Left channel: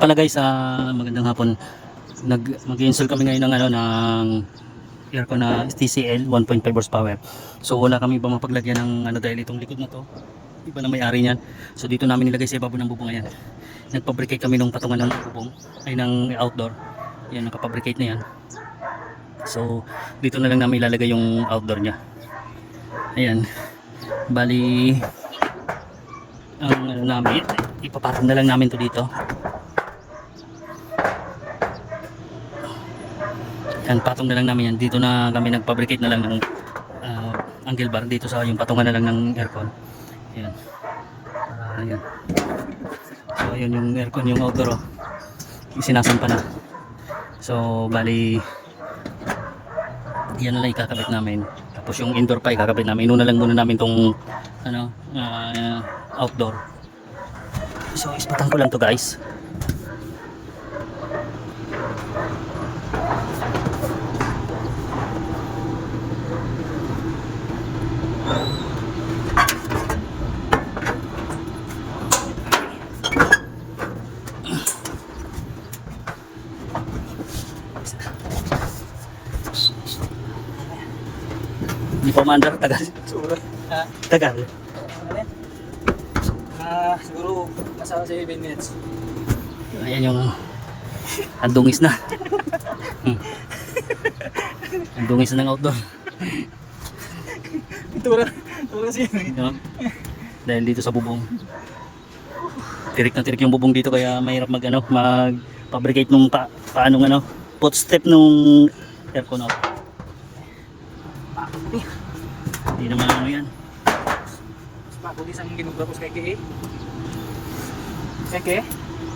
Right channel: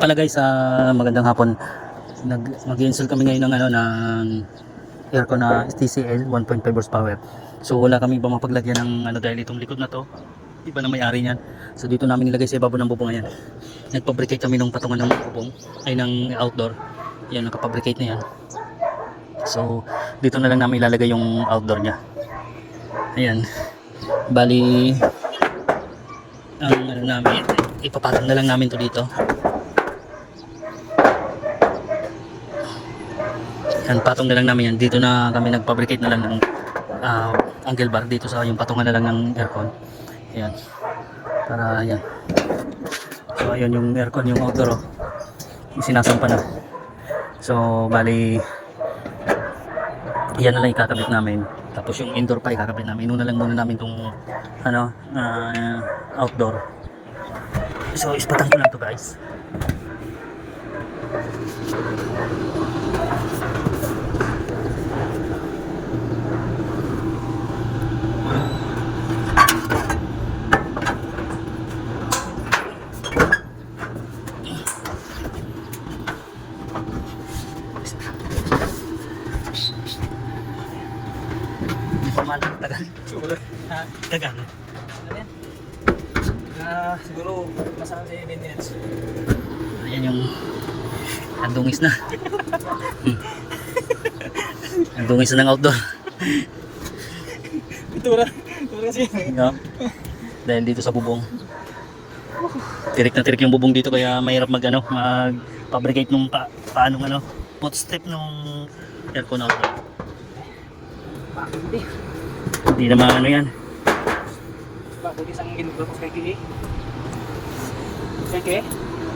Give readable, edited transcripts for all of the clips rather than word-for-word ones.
pala guys, magandang hapon. Mag-install kami ngayon ng aircon na TCL 1.5 horsepower. So wala kami iba mapaglagyan ng dahil itong likod na to, iba na may-ari niyan. So dito namin nilagay sa ibabaw ng bubong. Ayan. Nagpabricate kami ng patungan ng bubong ay ng outdoor. Yan, nakapabricate na yan. So dito na lang namin ilalagay yung outdoor niya. Ayan. Bali ang namin, ipapatong na lang namin to dito. Patong na lang namin yan. Dito na kami nagpabricate na lang ng angle bar dito sa yung patungan na lang ng aircon. Ayan. Para yan. So ayun yung aircon, yung outdoor isinasampa na. So bali yan na lang ikakabit namin. Tapos yung indoor pa ikakabit namin. Inuna lang muna namin tong outdoor. So ispatang ko lang to guys. Hindi pa mandar, tagal. Tagal. Siguro nasa 7 minutes. Ayan yung ang dungis na. Ang dungis na ng outdoor. Tura kasi yun. No? Dahil dito sa bubong. Tirik na tirik yung bubong dito kaya mahirap mag-fabricate nung paanong footstep nung aircon outdoor. Hindi naman yan. Bakit isang ginugla ko sa kay Kaya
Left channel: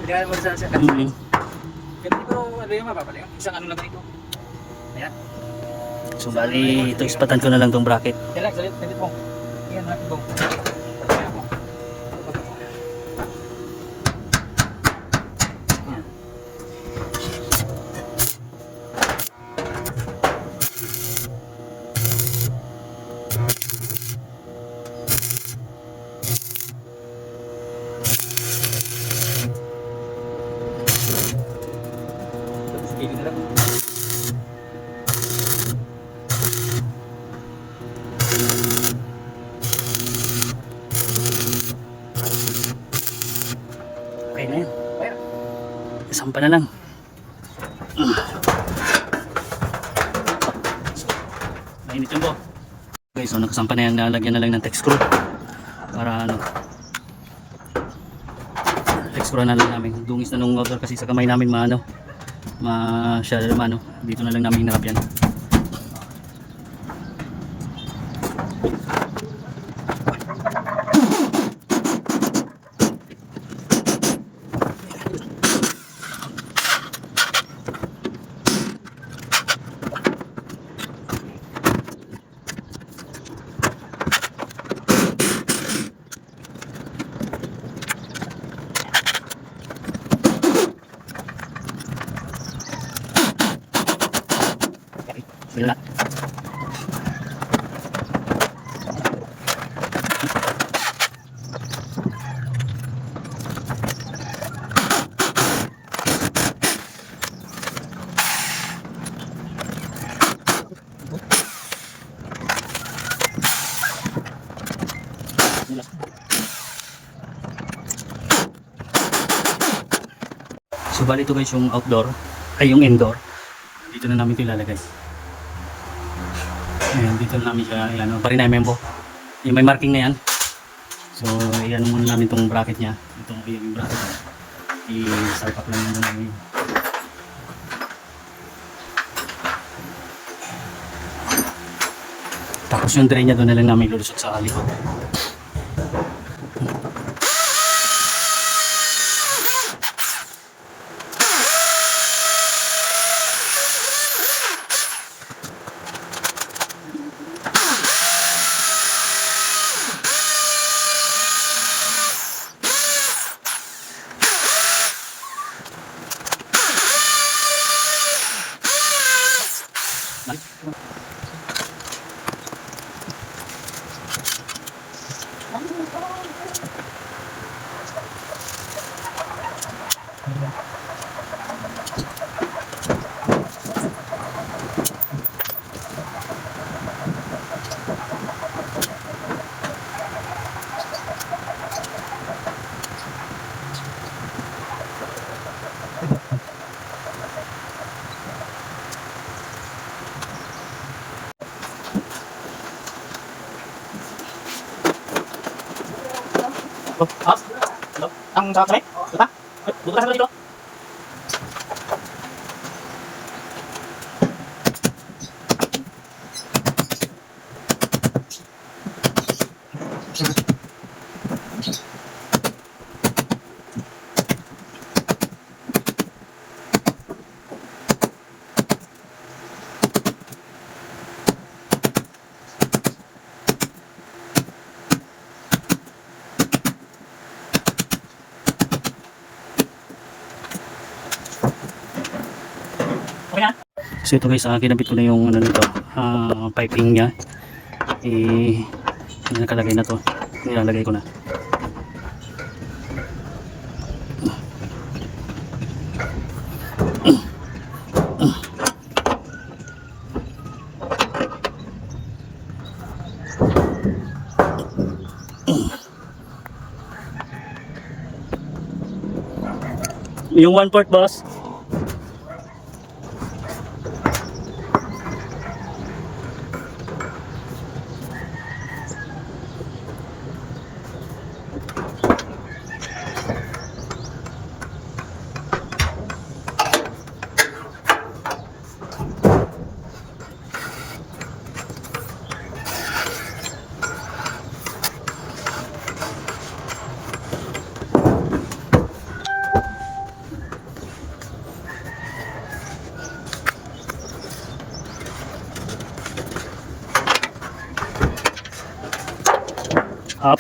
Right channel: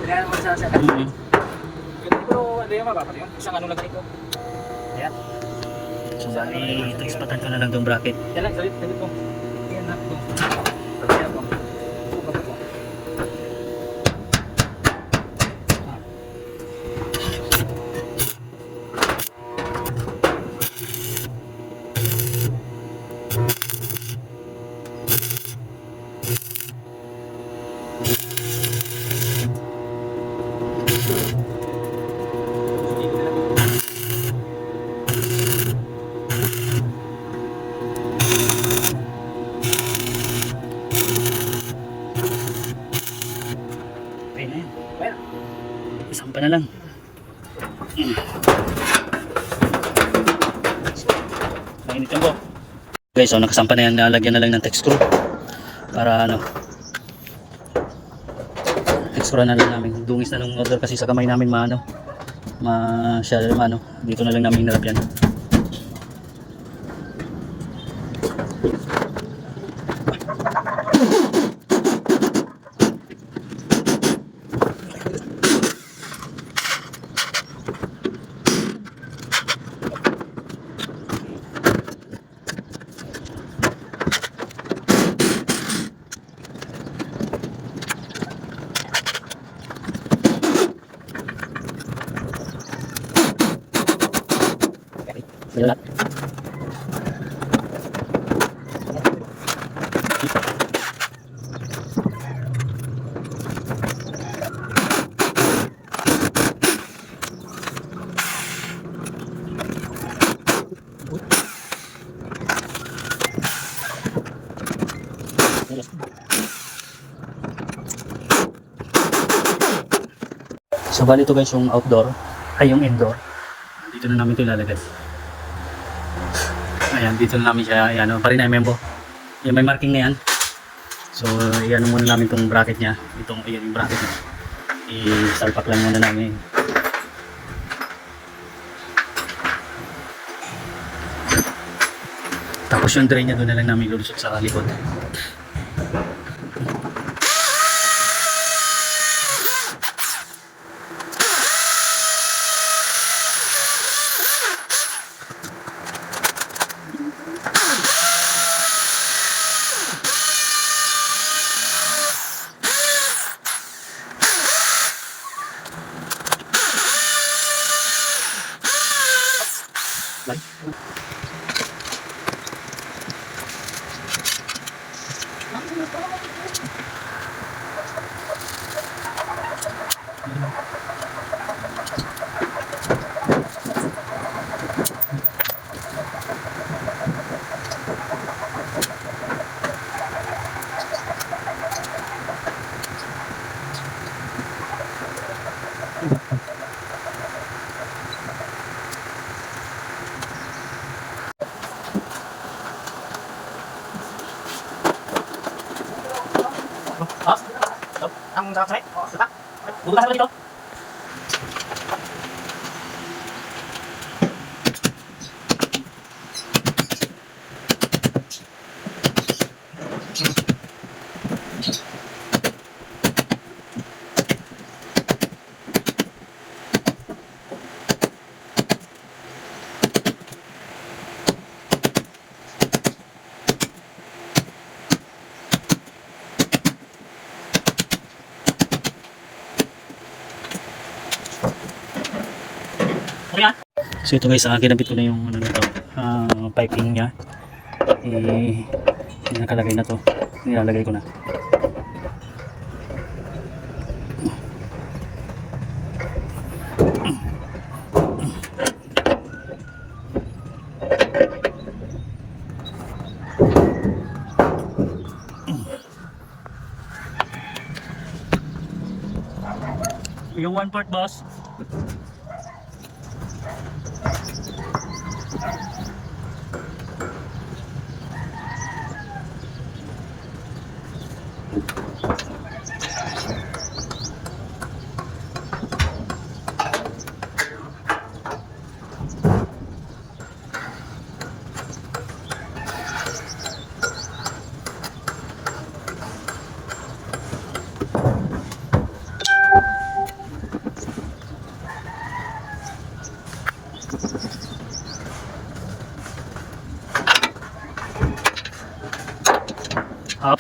Kaya mo sa pero ano yung mapapala yun? Isang lang ganito. Ayan. So bali, ito ispatan ko na lang tong bracket. Kaya lang, salit mo. Ayan na, go. Pagkaya mo. Pagkaya mo. Okay na yan. Isampa na lang. Mainit yung po. Guys, so nakasampa na yan. Nalagyan na lang ng text screw. Para text screw na lang namin. Dungis na nung order kasi sa kamay namin dito na lang namin hinarap yan. Wala. So bali ito guys yung outdoor ay yung indoor. Dito na namin ito ilalagay. Ayan, dito na namin siya, ayan, parinay membo. Yung may marking na yan. So, ayan muna namin itong bracket niya. Ayan yung bracket niya. I-salpak lang muna namin. Tapos yung drain niya doon na lang namin lulusot sa likod. sarap sa diba? Bubutasan ko dito. So ito guys, kinabit ko na yung ano nito, piping niya. Nakalagay na to. Nilalagay ko na. Yung 1/4 boss.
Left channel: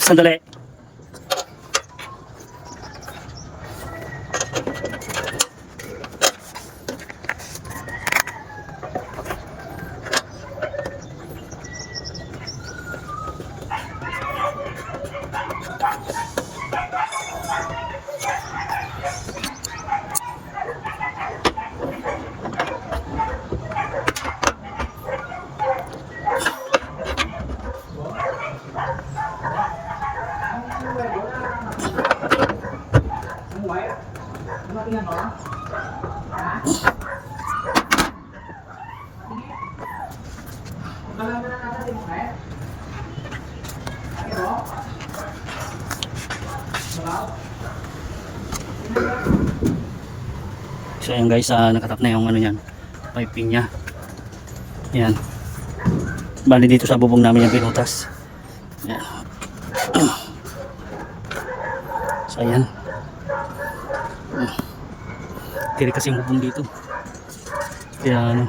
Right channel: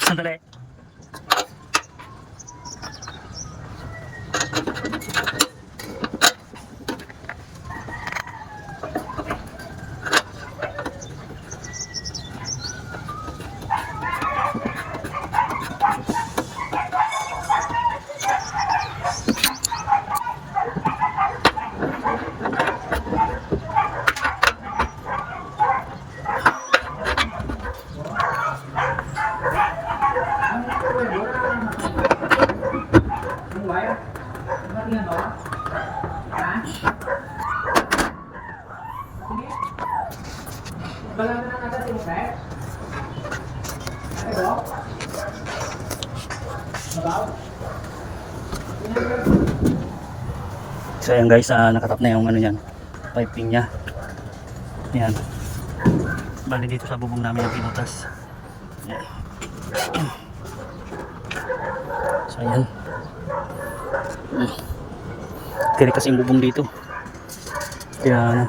Sandali. So ayan guys, nakatap na yung ano yan, piping nya. Yan. Bali dito sa bubong namin yung pinutas. Yan. So ayan. Tiri kasi yung bubong dito. Kaya ano.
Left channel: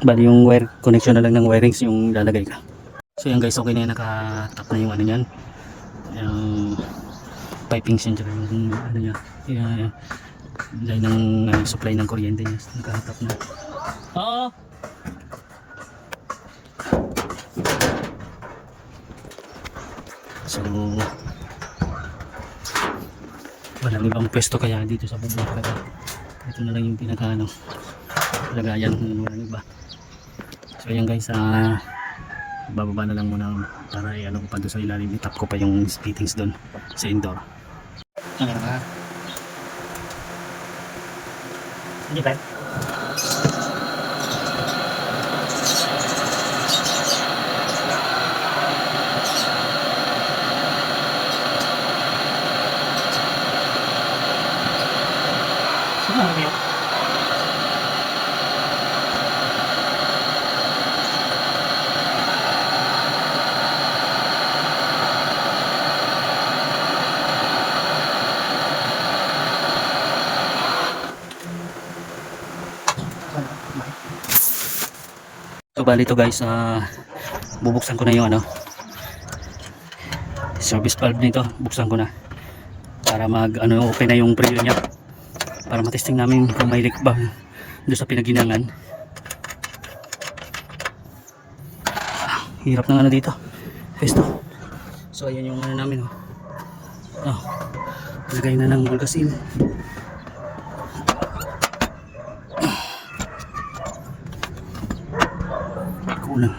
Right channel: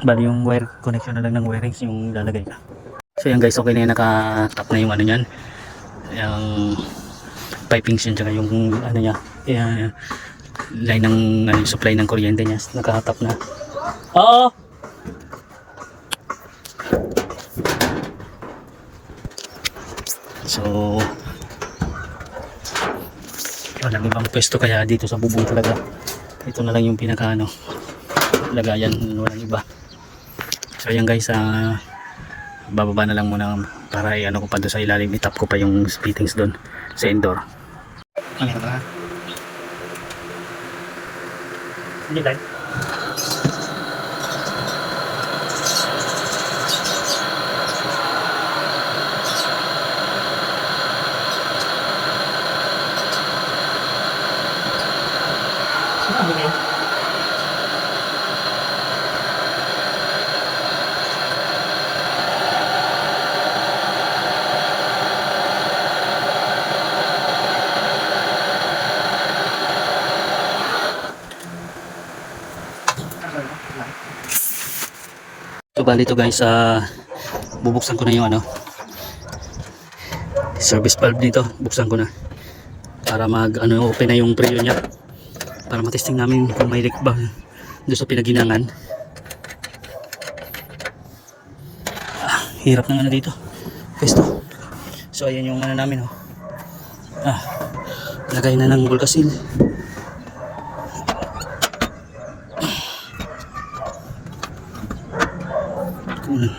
Bali yung wire connection na lang ng wirings yung lalagay ka. So yan guys, okay na yan, nakatap na yung ano yan, yung piping siya, tsaka yung ano niya, line ng ano, supply ng kuryente niya, nakatap na. Oo. So walang ibang pwesto, kaya dito sa bubong talaga ito na lang yung pinaka ano, lagayan, walang iba. So yan guys, bababa na lang muna para ano ko pa doon sa ilalim, itap ko pa yung fittings doon sa indoor. Ano ka? Hindi ka? Ano ba yun? So bali ito guys, bubuksan ko na yung ano, service valve nito, buksan ko na para mag ano, open na yung preno niya, para matesting namin kung may leak ba doon sa pinaginangan. Hirap ng ano dito, pesto. So ayan yung ano namin, lagay na ng Volcasil. Kunin.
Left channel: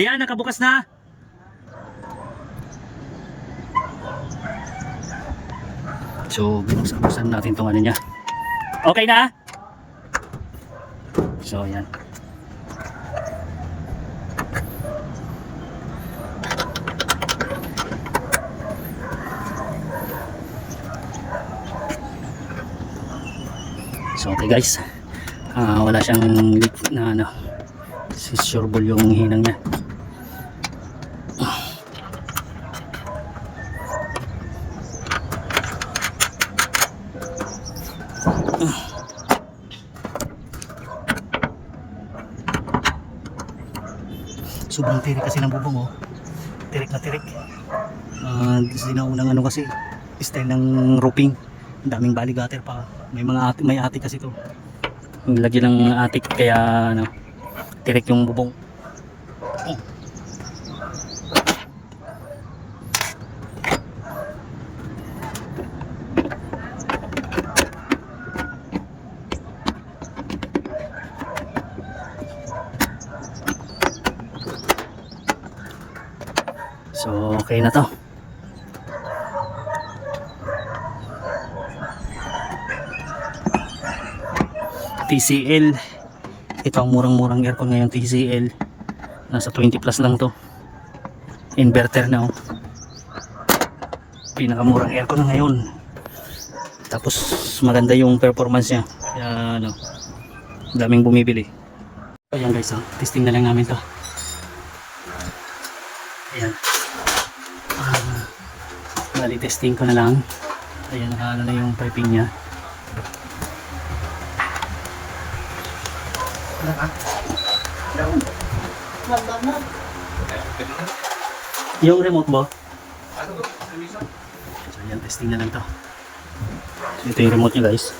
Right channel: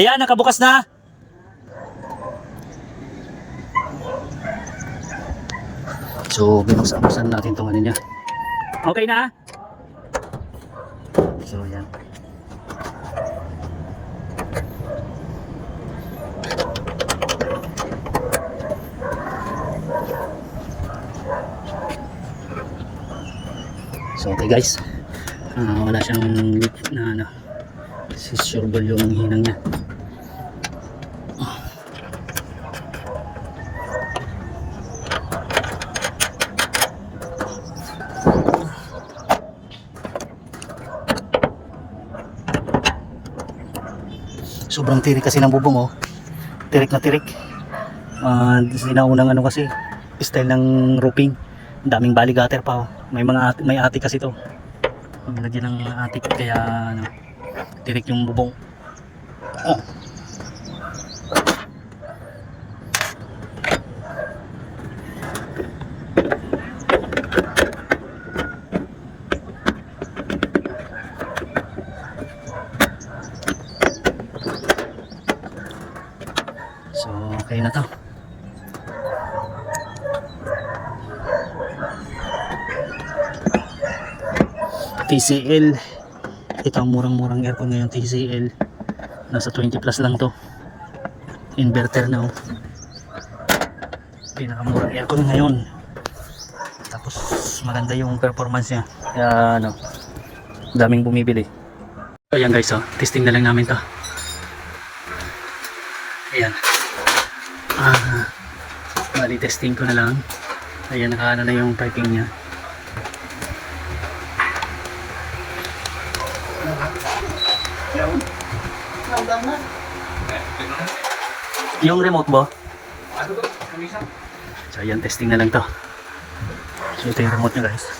Ayan, nakabukas na. So, binuksan natin itong ano niya. Okay na? So, ayan. So, okay guys. Wala siyang leak na ano. Sureball yung hinang niya. Sobrang tirik kasi ng bubong oh. Tirik na tirik. Sinaunang ano kasi style ng roofing. Ang daming bali gutter pa oh. May atik kasi to. Nilagyan ng atik kaya ano, tirik yung bubong. Oh. So, okay na to. TCL. Ito ang murang-murang aircon ngayon, TCL. Nasa 20 plus lang to. Inverter na oh. Pinakamurang aircon ngayon. Tapos maganda yung performance niya. Kaya ano, daming bumibili. Ayan guys oh, testing na lang namin to. Ayan. Bali testing ko na lang. Ayan, nakaano na yung piping niya. Yung remote mo? So ayan, testing na lang to. So ito yung remote nyo guys.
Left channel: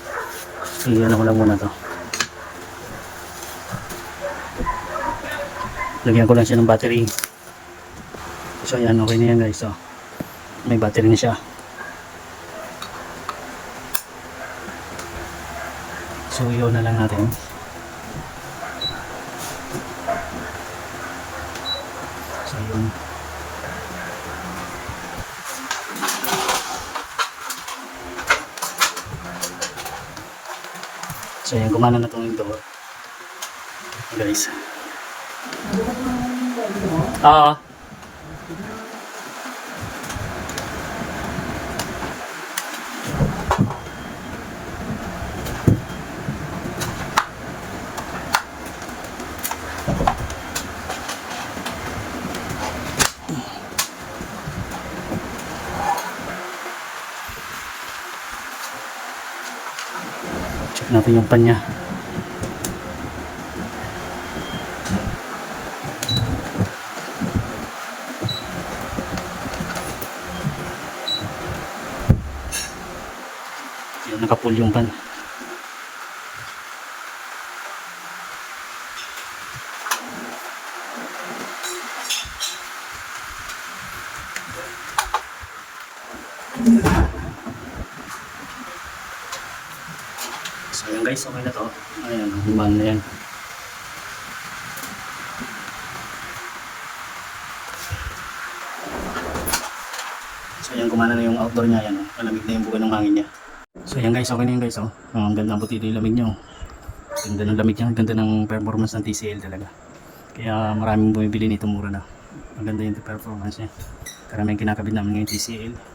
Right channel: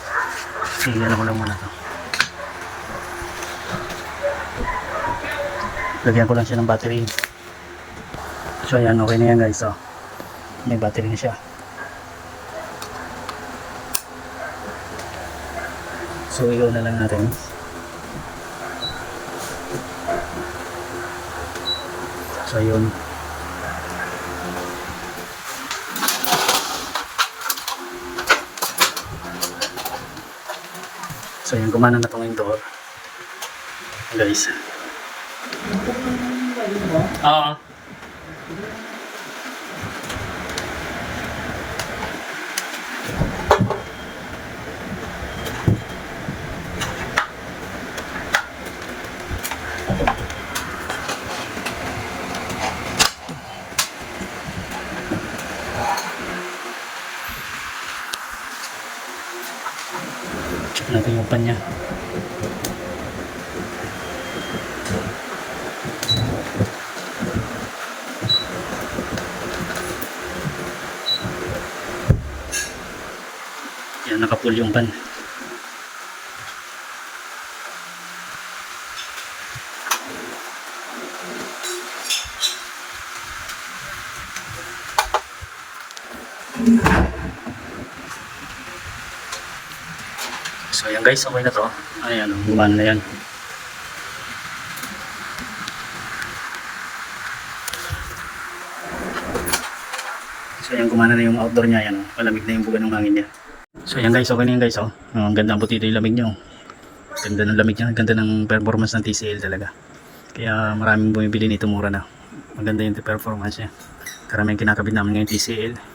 Ano ko lang muna to. Lagyan ko lang siya ng battery. So ayan, okay na yan guys. So, may battery na siya. So iyon na lang natin. So yun. So yan, gumana na itong door. Guys. Oo. Check natin yung pan niya. Yan, nakapull yung pan. So ayan guys, okay na to. Ayan, gumana na yan. So ayan, gumana na yung outdoor niya. Ayan, malamig na yung buga ng hangin niya. So ayan guys, okay na yan guys. Ang ganda ng butido yung lamig niya. Ganda ng lamig niya, ganda ng performance ng TCL talaga. Kaya maraming bumibili nito, mura na. Maganda yung performance niya. Karamihan kinakabit namin ngayon TCL.